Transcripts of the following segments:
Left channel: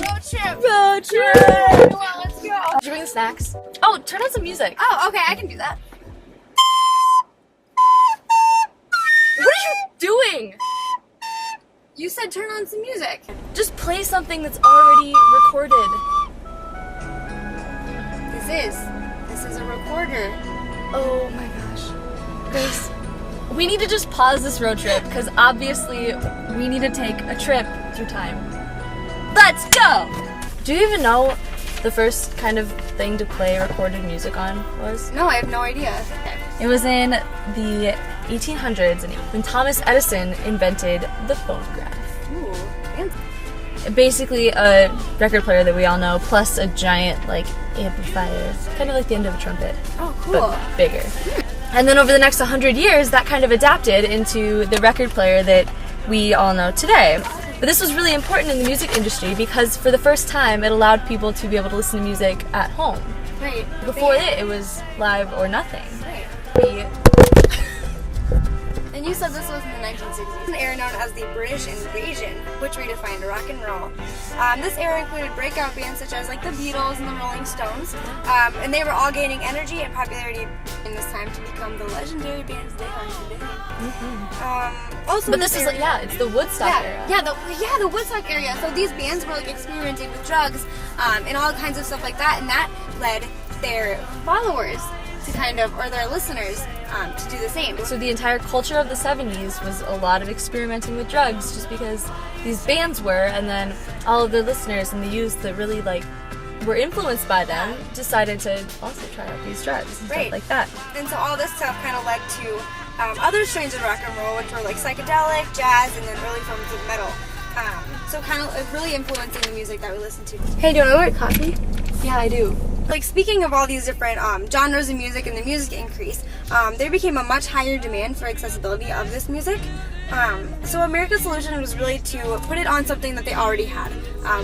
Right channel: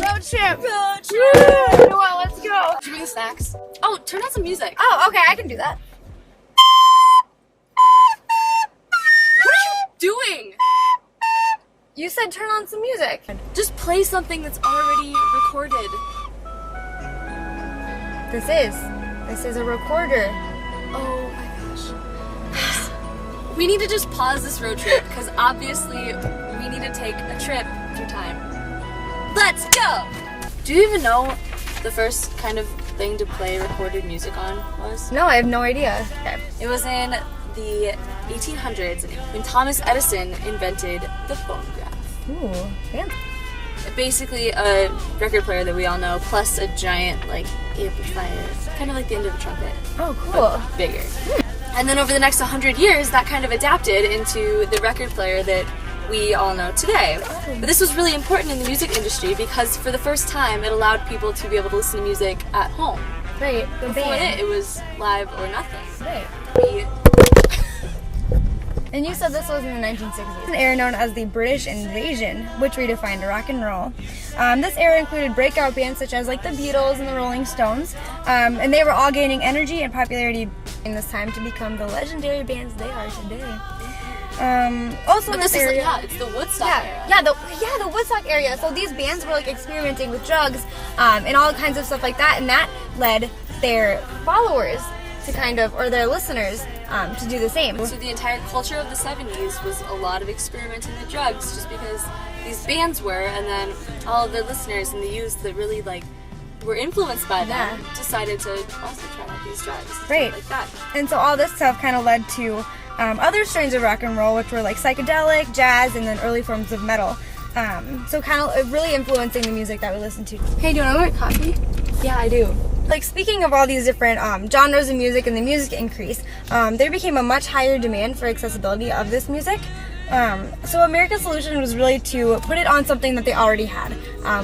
Roadtrip! Roadtrip! Noelle, let's go! Did you bring snacks? Oh, turn on some music. Oh, okay, I can do that. What are you doing? You said turn on some music. Just play something that's already recorded. This is a recorder. Oh my gosh. We need to just pause this road trip because obviously we need to take a trip through time. Let's go! Do you even know the first kind of thing to play recorded music on was? No, I have no idea. It was in the 1800s when Thomas Edison invented the phonograph. Ooh, fancy. Basically a record player that we all know, plus a giant like amplifier, kind of like the end of a trumpet. Oh, cool. But bigger. And then over the next 100 years, that kind of adapted into the record player that we all know today. But this was really important in the music industry because for the first time, it allowed people to be able to listen to music at home. Right. Before it was live or nothing. Right. And you said this was in the 1960s. An era known as the British Invasion, which redefined rock and roll. This era included breakout bands such as like the Beatles and the Rolling Stones, and they were all gaining energy and popularity in this time to become the legendary bands they are today. Also, But this is area, it's the Woodstock era. the Woodstock area. So these bands were like experimenting with drugs and all kinds of stuff like that, and that led their followers to or their listeners to do the same. So the entire culture of the 70s was a lot of experimenting with drugs just because these bands were, and then all of their listeners and the youth that really were influenced by them decided to also try out these drugs. Right. Like that. And so all this stuff kind of led to other strains of rock and roll, which were like psychedelic, jazz, and then early forms of metal. So kind of really influencing the music that we listen to. Hey, do you want to get coffee? Yeah, I do. Like speaking of all these different genres of music and the music increase, there became a much higher demand for accessibility of this music. So America's solution was really to put it on something that they already had,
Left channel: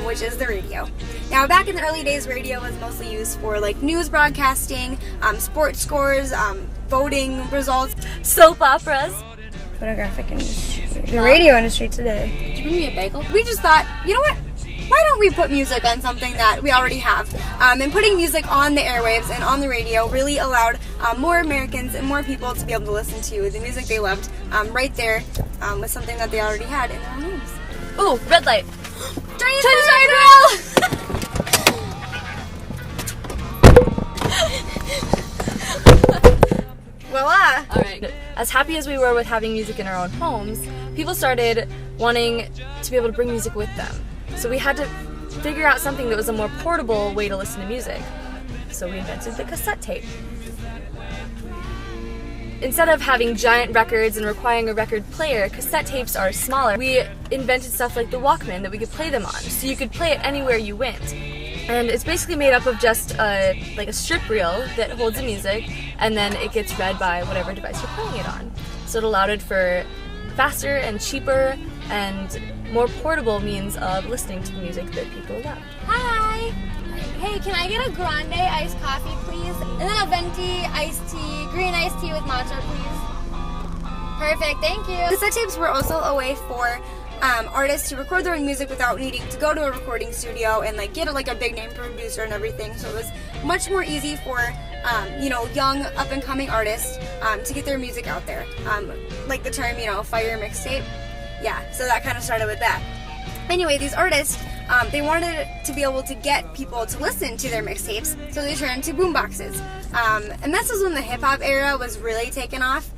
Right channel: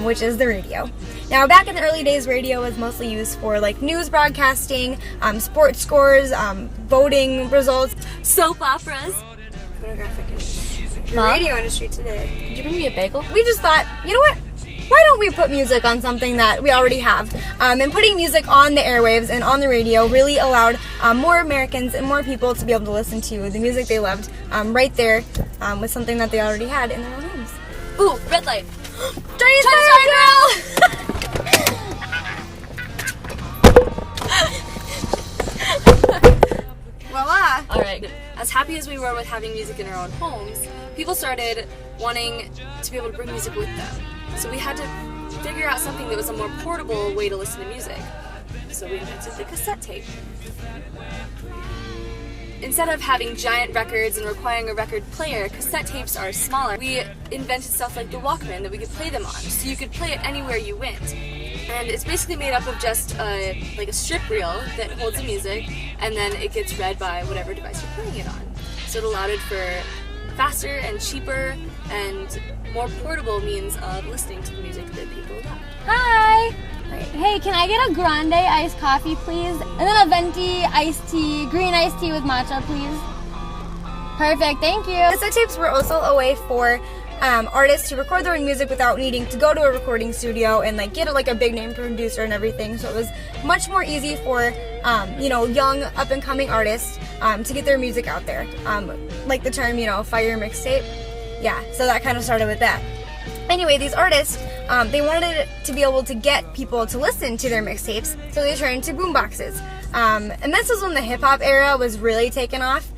which is the radio. Now back in the early days, radio was mostly used for like news broadcasting, sports scores, voting results, Soap operas. photographic industry, the radio industry today. Did you bring me a bagel? We just thought, you know what? Why don't we put music on something that we already have? And putting music on the airwaves and on the radio really allowed more Americans and more people to be able to listen to the music they loved right there with something that they already had in their own homes. Ooh, red light. Chinese girl! Voila! Alright, as happy as we were with having music in our own homes, people started wanting to be able to bring music with them. So we had to figure out something that was a more portable way to listen to music. So we invented the cassette tape. Instead of having giant records and requiring a record player, cassette tapes are smaller. We invented stuff like the Walkman that we could play them on. So you could play it anywhere you went. And it's basically made up of just like a strip reel that holds the music, and then it gets read by whatever device you're playing it on. So it allowed it for faster and cheaper and more portable means of listening to the music that people love. Hi! Hey, can I get a grande iced coffee, please? And then a venti iced tea, green iced tea with matcha, please. Perfect, thank you. Cassette tapes were also a way for artists to record their own music without needing to go to a recording studio and like get a big name producer and everything. So it was much more easy for young up and coming artists to get their music out there. Like the term, fire mixtape. Yeah, so that kind of started with that. Anyway, these artists, they wanted to be able to get people to listen to their mixtapes, so they turned to boomboxes. And this was when the hip-hop era was really taking off.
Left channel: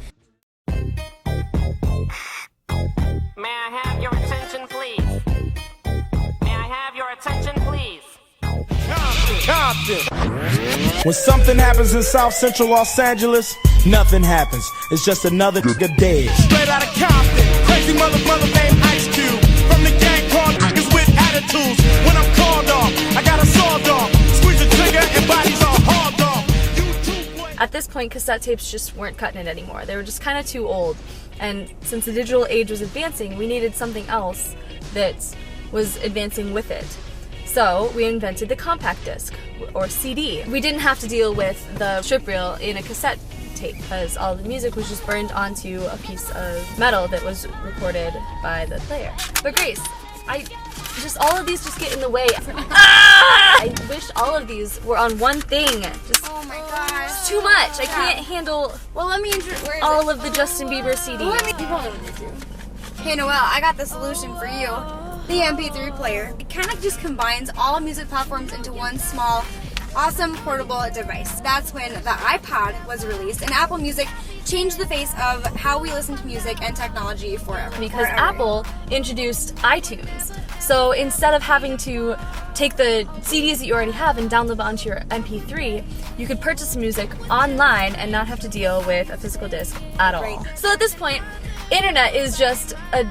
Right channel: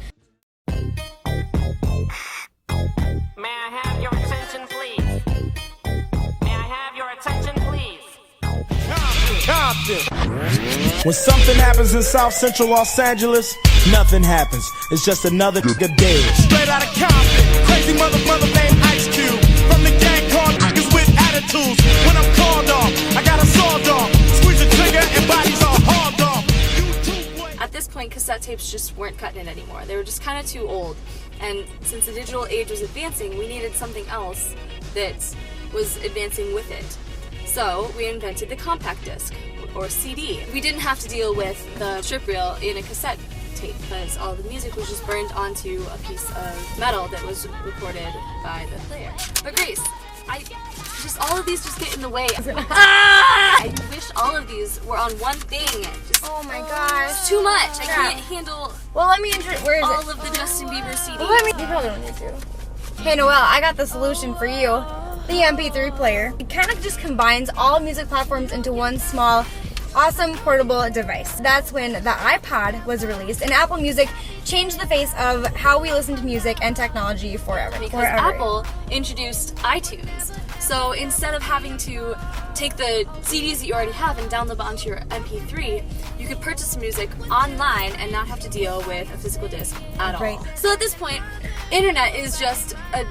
May I have your attention, please? May I have your attention, please? Compton. When something happens in South Central Los Angeles, nothing happens. It's just another good day. Straight out of Compton, crazy mother named Ice Cube. From the gang called niggas with attitudes. When I'm called off, I got a sawed off. Squeeze the trigger and bodies are hauled off. At this point, cassette tapes just weren't cutting it anymore. They were just kind of too old. And since the digital age was advancing, we needed something else that was advancing with it. So we invented the compact disc, or CD. We didn't have to deal with the strip reel in a cassette tape, because all the music was just burned onto a piece of metal that was recorded by the player. But Grace, all of these just get in the way. I wish all of these were on one thing. Oh my gosh. It's too much. I can't handle Well, let me introduce. Where is all it? of the Justin Bieber CDs. Well, you probably don't need to. Hey Noelle, I got the solution for you. The MP3 player. It kind of just combines all music platforms into one small, awesome portable device. That's when the iPod was released, and Apple Music changed the face of how we listen to music and technology forever. Because Apple introduced iTunes. So instead of having to take the CDs that you already have and download them onto your MP3, you could purchase music online and not have to deal with a physical disc at all. Right. So at this point, internet is just a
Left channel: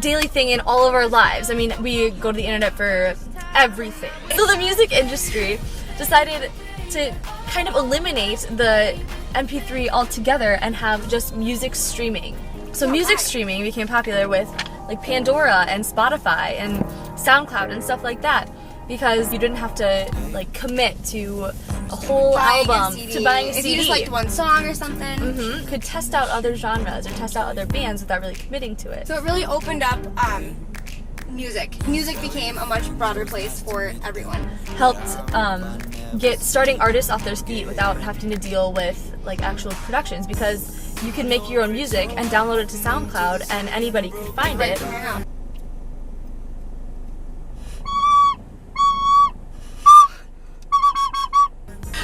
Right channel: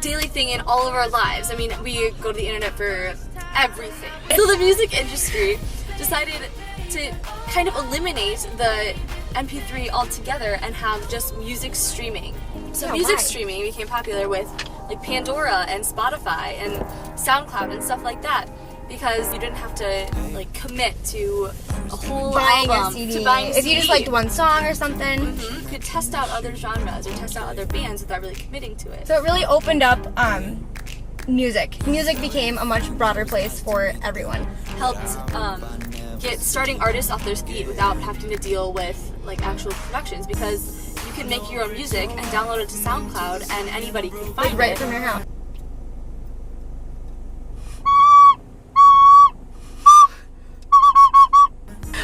daily thing in all of our lives. I mean, we go to the internet for everything. So the music industry decided to kind of eliminate the MP3 altogether and have just music streaming. So music streaming became popular with like Pandora and Spotify and SoundCloud and stuff like that, because you didn't have to like commit to a whole album, to buying a CD. If you just liked one song or something. You could test out other genres or test out other bands without really committing to it. So it really opened up music. Music became a much broader place for everyone. Helped get starting artists off their feet without having to deal with like actual productions, because you can make your own music and download it to SoundCloud and anybody can find Right it from your house.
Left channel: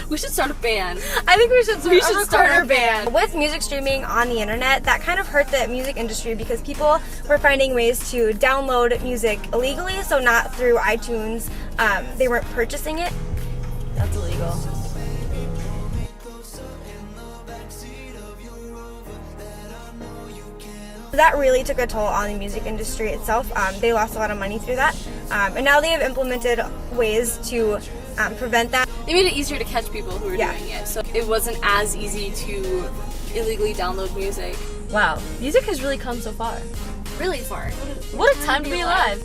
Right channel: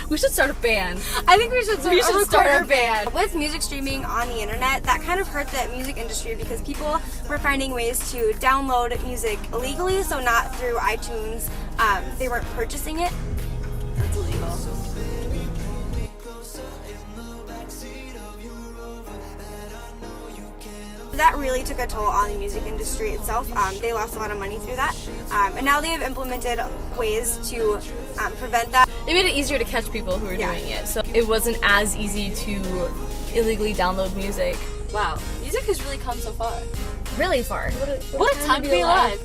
We should start a band. I think we should start our band. With music streaming on the internet, that kind of hurt the music industry because people were finding ways to download music illegally, so not through iTunes. They weren't purchasing it. That's illegal. That really took a toll on the music industry itself. They lost a lot of money through that. And now they have implemented ways to prevent that. They made it easier to catch people who were doing it, so it wasn't as easy to illegally download music. Wow, music has really come so far. Really far. What a time to be alive.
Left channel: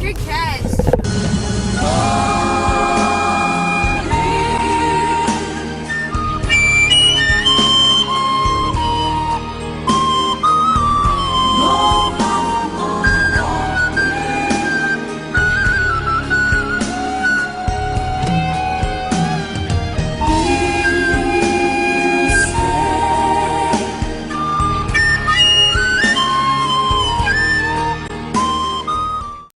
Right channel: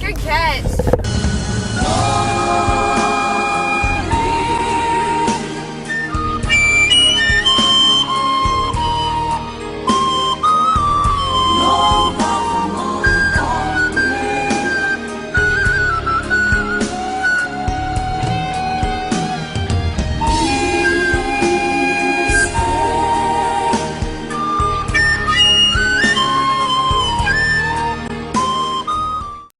Good catch.